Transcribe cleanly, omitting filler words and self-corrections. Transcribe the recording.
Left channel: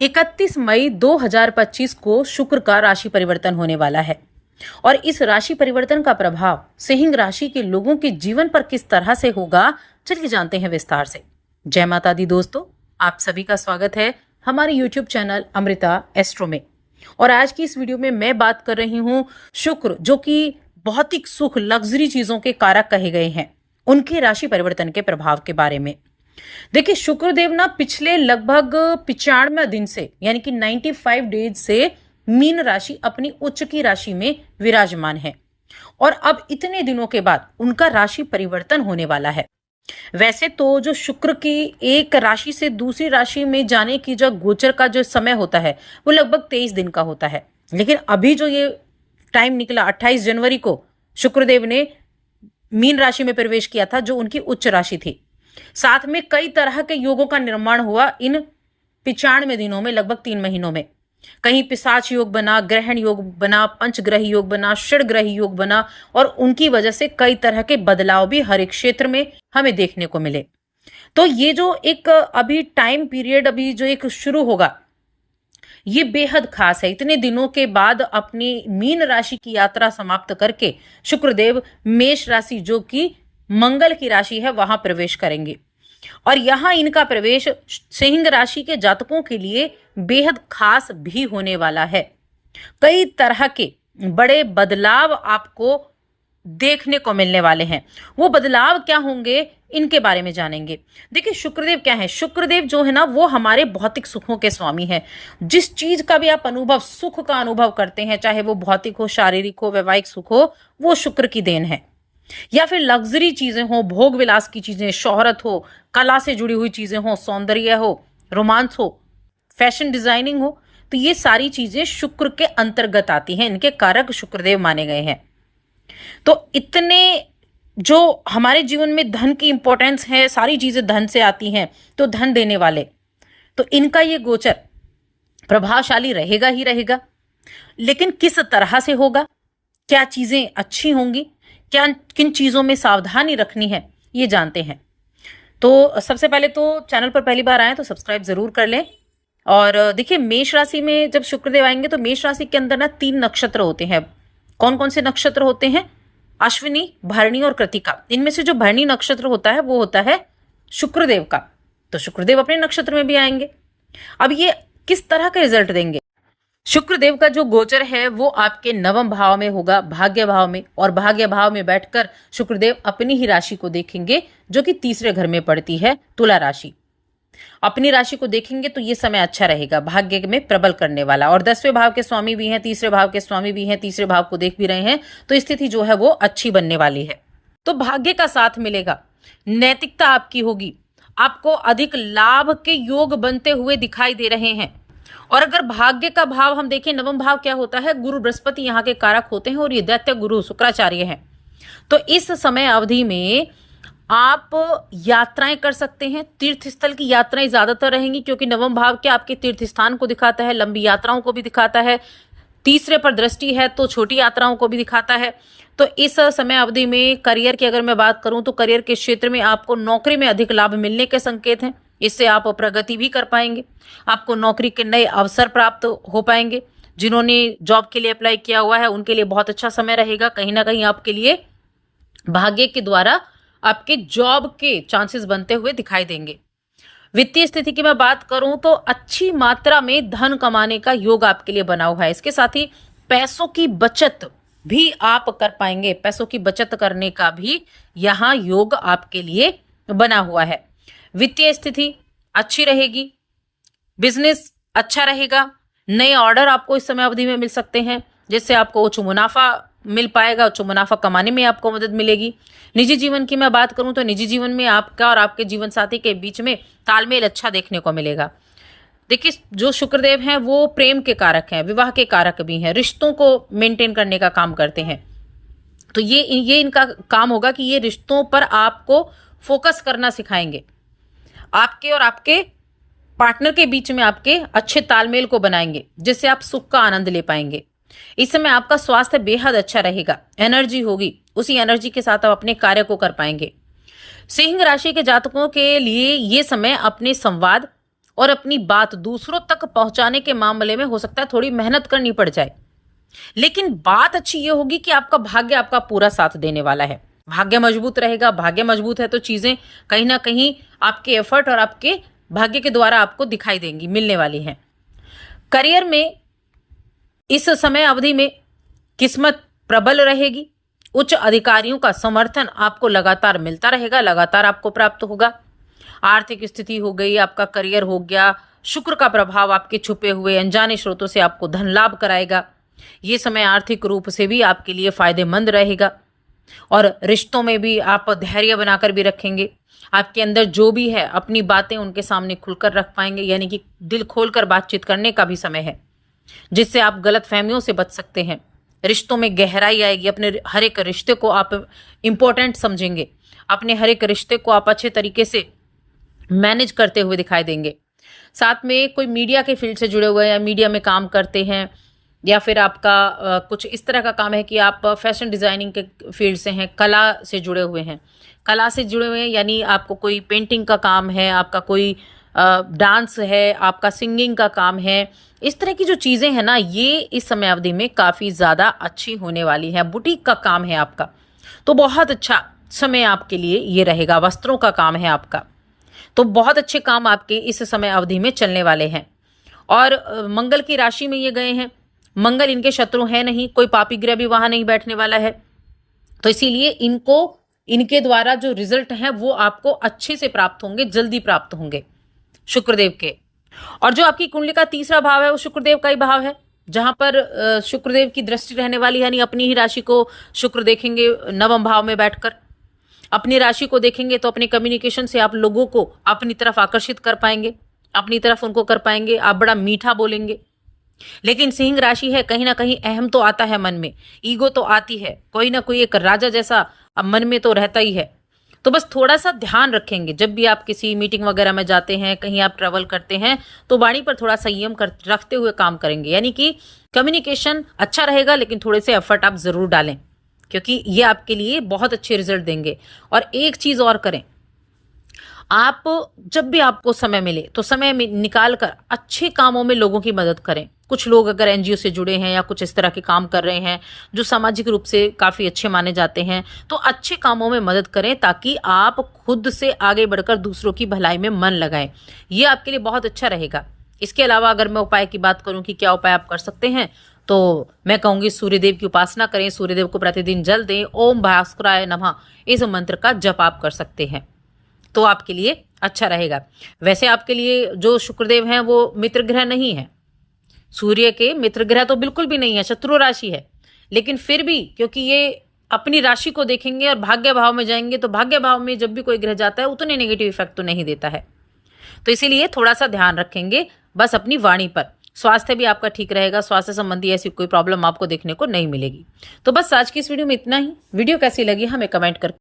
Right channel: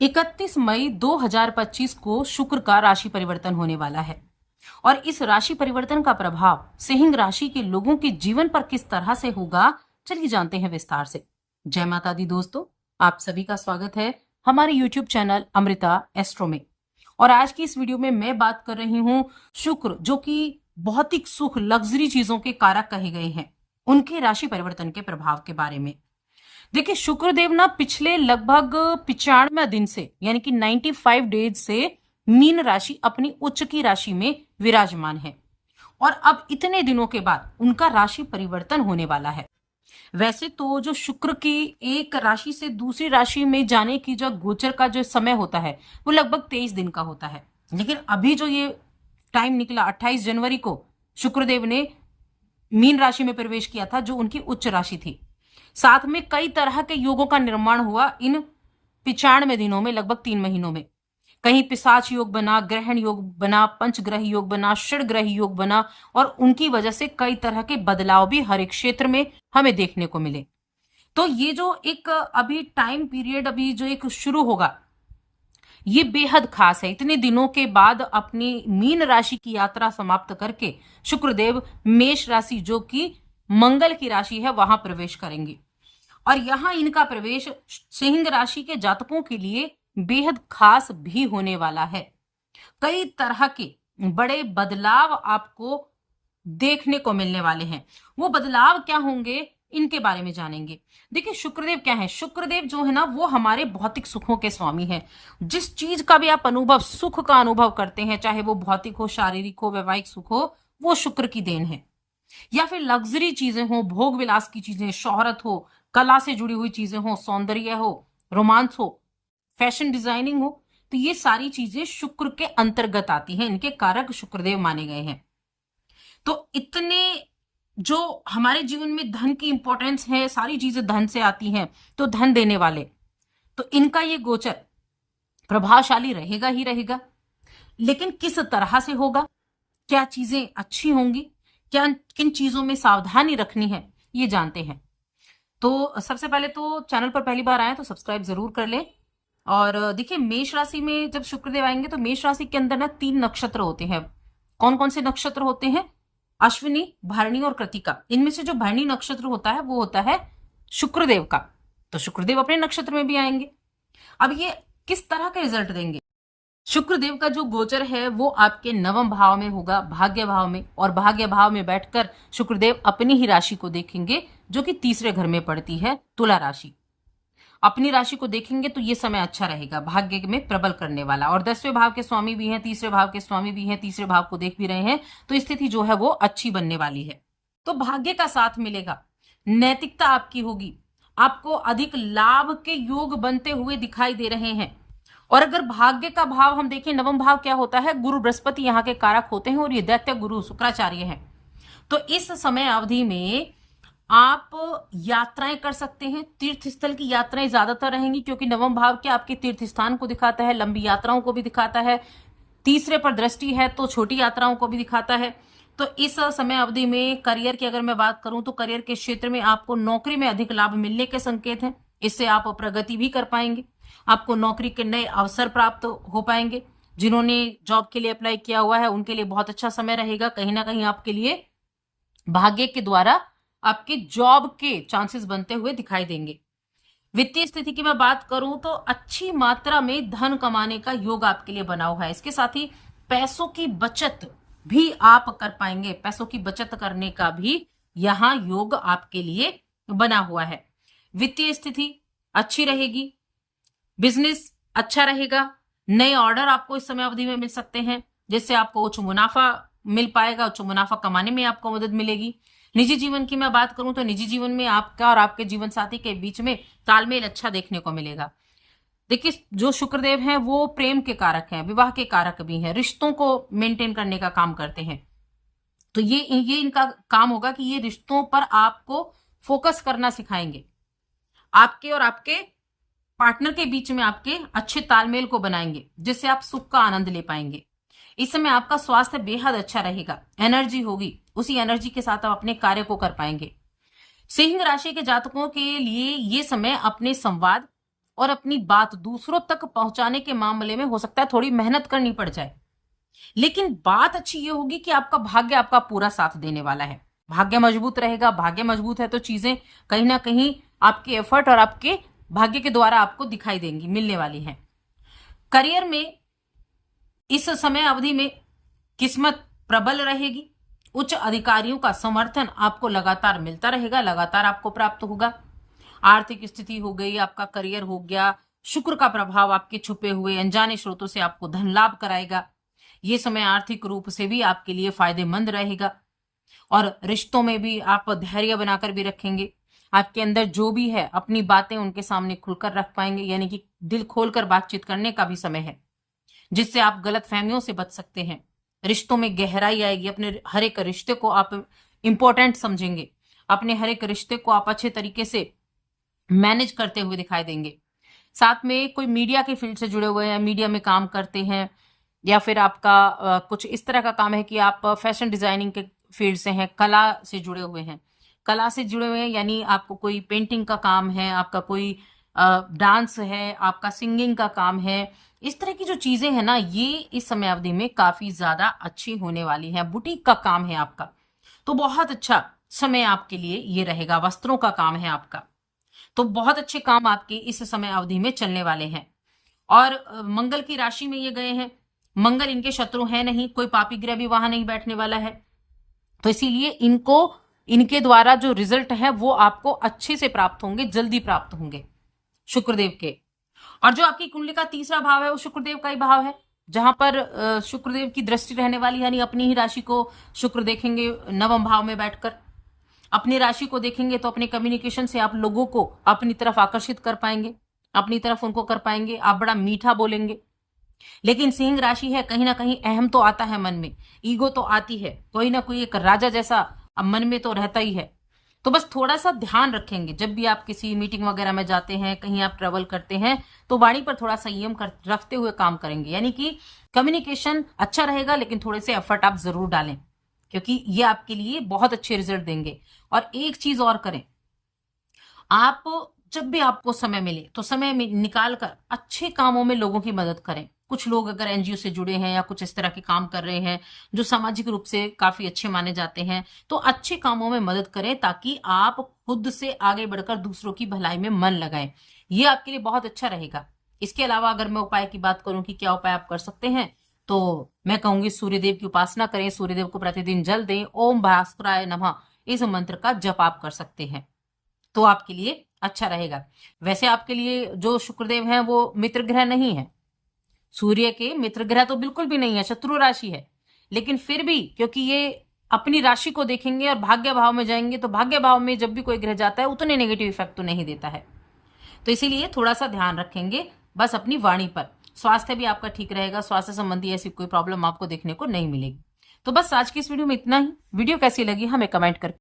31 मई 2025 को शुक्र का राशि परिवर्तन होने वाला है और इस राशि परिवर्तन का प्रभाव सिंह राशि के लोगों के जीवन पर किस तरह से होगा, चलिए जानते हैं विस्तार से। जय माता दी दोस्तों, आप सभी का स्वागत है हमारे YouTube चैनल अमृता एस्ट्रो में। और आज की इस वीडियो में मैं बात कर रही हूं शुक्र, जो कि भौतिक सुख, लग्जरी चीजों के कारक कहे गए हैं, उनके राशि परिवर्तन के प्रभाव के बारे में। देखिए, शुक्रदेव ना पिछले लगभग 95 दिन से यानी कि 95 डेज से मीन राशि अपनी उच्च की राशि में विराजमान है और अब इतने दिनों के बाद उनका राशि परिवर्तन होने वाला है। वैसे तो जो शुक्र की एक राशि से दूसरी राशि में जाने की जो गोचर का जो समय होता है वो लगभग 23 दिन का होता है, लेकिन अभी जो ये टाइम निकला 28 जनवरी को शुक्रदेव ने मीन राशि में प्रवेश किया था, जो उनकी उच्च राशि थी। साथ में कई तरह के योगों का निर्माण हुआ इन 95 दिनों में, लगभग 3 महीनों में। कहीं पिशाच योग बना, ग्रहण योग बना, पंचग्रह योग बना, षडग्रह योग बना और उनकी वजह से कई तरह के बदलाव भी हर एक क्षेत्र में हमें देखने को मिले। तो ये जो एक अभी टाइम पीरियड अभी जो एक शुरू होगा, ये बेहद खास है। इतने दिनों के बाद अपनी मीन राशि की यात्रा समाप्त करके शुक्रदेव मेष राशि, जो कि मंगल की राशि है, वहां प्रवेश करेंगे और यहां इनका प्रवेश सिंह राशि के जातकों के लिए बेहद खास भी होने वाला है। कई तरह के बड़े बदलाव आपको देखने को मिलने वाले हैं। वो बदलाव क्या होंगे, इनके बारे में जानेंगे। देखिए, शुक्रदेव क्या है? शुक्रदेव जो है ना, वो हमारे भौतिक सुखों के स्वामी है। जिस चीज का भी आप अनुभव, सुख का अनुभव करते हैं, चाहे वो भौतिक हो, शारीरिक हो, वैवाहिक सुख हो, वो शुक्र की देन है। या फिर लग्जरी चीजें हो, भोग विलास की चीजें, शोहरत हो, कला से जुड़ी हुई चीजें हो, सौंदर्य हो, रोमांस हो, फैशन डिजाइनिंग हो, तो ये सारी चीजें शुक्र के अंतर्गत आती हैं। इनके कारक शुक्रदेव माने गए हैं। तो इतने जो हमारे जीवन में धन की इंपॉर्टेंस है, सारी चीजें धन से आती हैं, तो धन देने वाले, तो इनका ये गोचर प्रभावशाली रहेगा ही रहेगा। लेकिन किस तरह से होगा, क्या चीजें अच्छी होंगी, क्या किन चीजों में सावधानी रखनी है, ये जानते हैं। तो सबसे पहले तो चैनल पर पहली बार आए तो सब्सक्राइब जरूर कर लें। और देखिए, मेष राशि में जब शुक्रदेव आएंगे तो मेष राशि के अंदर ना 3 नक्षत्र होते हैं। कौन कौन से नक्षत्र होते हैं? अश्विनी, भरणी और कृतिका। इनमें से जो भरणी नक्षत्र होता है वो होता है शुक्रदेव का, तो शुक्रदेव अपने नक्षत्र में भी आएंगे। अब ये किस तरह का रिजल्ट देंगे? शुक्रदेव का जो गोचर है वो आपके 9वें भाव में होगा, भाग्य भाव में, और भाग्य भाव में बैठकर शुक्रदेव अपनी ही राशि को देखेंगे, जो कि तीसरे घर में पड़ती है, तुला राशि। अपनी राशि को देखेंगे तो ये समय अच्छा रहेगा, भाग्य में प्रबल करने वाला। और 10वें भाव के स्वामी भी हैं, तीसरे भाव के स्वामी भी हैं, तीसरे भाव को देख भी रहे हैं, तो स्थिति जो है वो अच्छी बनने वाली है। तो भाग्य का साथ मिलेगा, नैतिकता आपकी होगी, आपको अधिक लाभ के योग बनते हुए दिखाई दे रहे हैं। और अगर भाग्य का भाव हम देखें, 9वां भाव क्या होता है? गुरु बृहस्पति यहाँ के कारक होते हैं और ये दैत्य गुरु शुक्राचार्य हैं। तो इस समय अवधि में आप यात्राएं कर सकते हैं। तीर्थ स्थल की यात्राएं ज्यादातर रहेंगी, क्योंकि 9वां भाव क्या आपके तीर्थ स्थान को दिखाता है, लंबी यात्राओं को भी दिखाता है। तीसरे पर दृष्टि है तो छोटी यात्राओं को भी दिखाता है। तो इस समय अवधि में करियर की अगर मैं बात करूं तो करियर के क्षेत्र में आपको नौकरी में अधिक लाभ मिलने के संकेत हैं। इससे आप प्रगति भी कर पाएंगे, आपको नौकरी के नए अवसर प्राप्त हो पाएंगे। जिन्होंने जॉब के लिए अप्लाई किया हुआ है उनके लिए बहुत अच्छा समय रहेगा। कहीं ना कहीं आपके लिए भाग्य के द्वारा आपके जॉब के चांसेस बनते हुए दिखाई देंगे। वित्तीय स्थिति की मैं बात करूं तो अच्छी मात्रा में धन कमाने का योग आपके लिए बना हुआ है। इसके साथ ही पैसों की बचत भी आप कर पाएंगे, पैसों की बचत करने का भी यहां योग आपके लिए बना हुआ है। वित्तीय स्थिति अच्छी रहेगी, बिजनेस अच्छा रहेगा, नए ऑर्डर आपको इस समय अवधि में मिल सकते हैं, जिससे आपको उच्च मुनाफा मिल पाएगा, उच्च मुनाफा कमाने में आपको मदद मिलेगी। निजी जीवन की मैं बात करूं तो निजी जीवन में आपका और आपके जीवन साथी के बीच में तालमेल अच्छा देखने को मिलेगा। देखिए, जो शुक्रदेव हैं वो प्रेम के कारक हैं, विवाह के कारक भी हैं, रिश्तों को मेंटेन करने का काम करते हैं। तो ये इनका काम होगा कि ये रिश्तों पर आपको फोकस करना सिखाएंगे, आपके और आपके पार्टनर के बीच में आपके अच्छे तालमेल को बनाएंगे, जिससे आप सुख का आनंद ले पाएंगे। इस समय आपका स्वास्थ्य बेहद अच्छा रहेगा, एनर्जी होगी, उसी एनर्जी के साथ आप अपने कार्य को कर पाएंगे। सिंह राशि के जातकों के लिए ये समय अपने संवाद और अपनी बात दूसरों तक पहुंचाने के मामले में हो सकता है थोड़ी मेहनत करनी पड़ जाए, लेकिन बात अच्छी ये होगी कि आपका भाग्य आपका पूरा साथ देने वाला है। भाग्य मजबूत रहेगा। भाग्य मजबूत है तो चीजें कहीं ना कहीं आपके एफर्ट और आपके भाग्य के द्वारा आपको दिखाई देंगी, मिलने वाली हैं। करियर में इस समय अवधि में किस्मत प्रबल रहेगी। उच्च अधिकारियों का समर्थन आपको लगातार मिलता रहेगा, लगातार आपको प्राप्त होगा। आर्थिक स्थिति हो गई, आपका करियर हो गया, शुक्र का प्रभाव आपके छुपे हुए अनजाने स्रोतों से आपको धन लाभ कराएगा। ये समय आर्थिक रूप से भी आपके लिए फायदेमंद रहेगा और रिश्तों में भी आप धैर्य बनाकर भी रखेंगे। आपके अंदर जो भी है अपनी बातें उनके सामने खुलकर रख पाएंगे, यानी कि दिल खोलकर बातचीत करने का भी समय है, जिससे आप गलत फहमियों से बच सकते हैं। रिश्तों में गहराई आएगी। अपने हर एक रिश्ते को आप इंपॉर्टेंट समझेंगे। अपने हर एक रिश्ते को आप अच्छे तरीके से मैनेज करते हुए दिखाई देंगे। साथ में कोई मीडिया के फील्ड से जुड़े हुए हैं या मीडिया में काम करते हैं, या फिर आपका कुछ इस तरह का काम है कि आप फैशन डिजाइनिंग के फील्ड से हैं, कला से जुड़े हुए हैं। कला से जुड़े हुए हैं यानी आपको कोई पेंटिंग का काम है, आपका कोई डांस है, आपका सिंगिंग का काम है। इस तरह की जो चीज़ें हैं ना, ये इस समय अवधि में काफ़ी ज़्यादा अच्छी होने वाली है। बुटीक का काम है आपका, तो बहुत अच्छा समय आपके लिए ये रहेगा। वस्त्रों का काम है आपका, तो बहुत अच्छे काम आपके इस समय अवधि में चलने वाले हैं। और मंगल की राशि में ये गए हैं। मंगल इनके शत्रु है नहीं, कोई पापी ग्रह भी वहां नहीं बैठने वाला है, तो इसीलिए इनके द्वारा जो रिजल्ट है वो आपको अच्छे से प्राप्त होंगे, जल्दी प्राप्त होंगे शुक्रदेव के। और जो आपकी कुंडली का तीसरा भाव है वो शुक्रदेव का ही भाव है, जहां पर शुक्रदेव की दृष्टि रहने वाली है, यानी अपनी ही राशि को शुक्र देखेंगे नवम भाव में बैठकर। अपनी राशि को देखेंगे तो अपने कम्युनिकेशन से आप लोगों को अपनी तरफ आकर्षित कर पाएंगे, अपनी तरफ उनको कर पाएंगे। आप बड़ा मीठा बोलेंगे। लेकिन सिंह राशि है, कहीं ना कहीं अहम तो आता है मन में, ईगो तो आती है, कोई ना कोई एक राजा जैसा अब मन में तो रहता ही है। तो बस थोड़ा सा ध्यान रखेंगे जब भी आप किसी मीटिंग वगैरह में जाते हैं, कहीं आप ट्रेवल करते हैं, तो वाणी पर थोड़ा संयम रखते हुए काम करेंगे। यानी कि कम्युनिकेशन अच्छा रहेगा, लेकिन थोड़े से एफर्ट आप जरूर डालें, क्योंकि ये आपके लिए बहुत अच्छे रिजल्ट देंगे। और एक चीज और करें, आप जब भी आपको समय मिले तो समय निकाल कर अच्छे कामों में लोगों की मदद करें। कुछ लोग अगर एनजीओ से जुड़े हैं या कुछ इस तरह के काम कर रहे हैं जो सामाजिक रूप से काफी अच्छे माने जाते हैं, तो अच्छे कामों में मदद करें, ताकि आप खुद से आगे बढ़कर दूसरों की भलाई में मन लगाएं। ये आपके लिए बहुत अच्छा रहेगा। इसके अलावा अगर मैं उपाय की बात करूं कि क्या उपाय आप कर सकते हैं, तो मैं कहूंगी सूर्यदेव की उपासना करें। सूर्यदेव को प्रतिदिन जल दें। ओम भास्कराय नमः इस मंत्र का जप आप कर सकते हैं, तो आपके लिए अच्छा रहेगा। वैसे आपके लिए जो शुक्रदेव हैं वो मित्र ग्रह नहीं है, सूर्य के मित्र ग्रह तो बिल्कुल भी नहीं है, शत्रु राशि है। लेकिन फिर भी क्योंकि ये अपनी राशि को देखेंगे और भाग्य भाव में जाएंगे, तो भाग्य भाव में जब भी कोई ग्रह जाता है उतने नेगेटिव इफेक्ट तो नहीं देता है, तो इसीलिए थोड़ा सा ध्यान रखेंगे बस अपनी वाणी पर। स्वास्थ्य भी आपका ठीक रहेगा, स्वास्थ्य संबंधी ऐसी कोई प्रॉब्लम आपको देखने को नहीं मिलेगी। तो बस आज की इस वीडियो में इतना ही। वीडियो कैसी लगी हमें कमेंट करके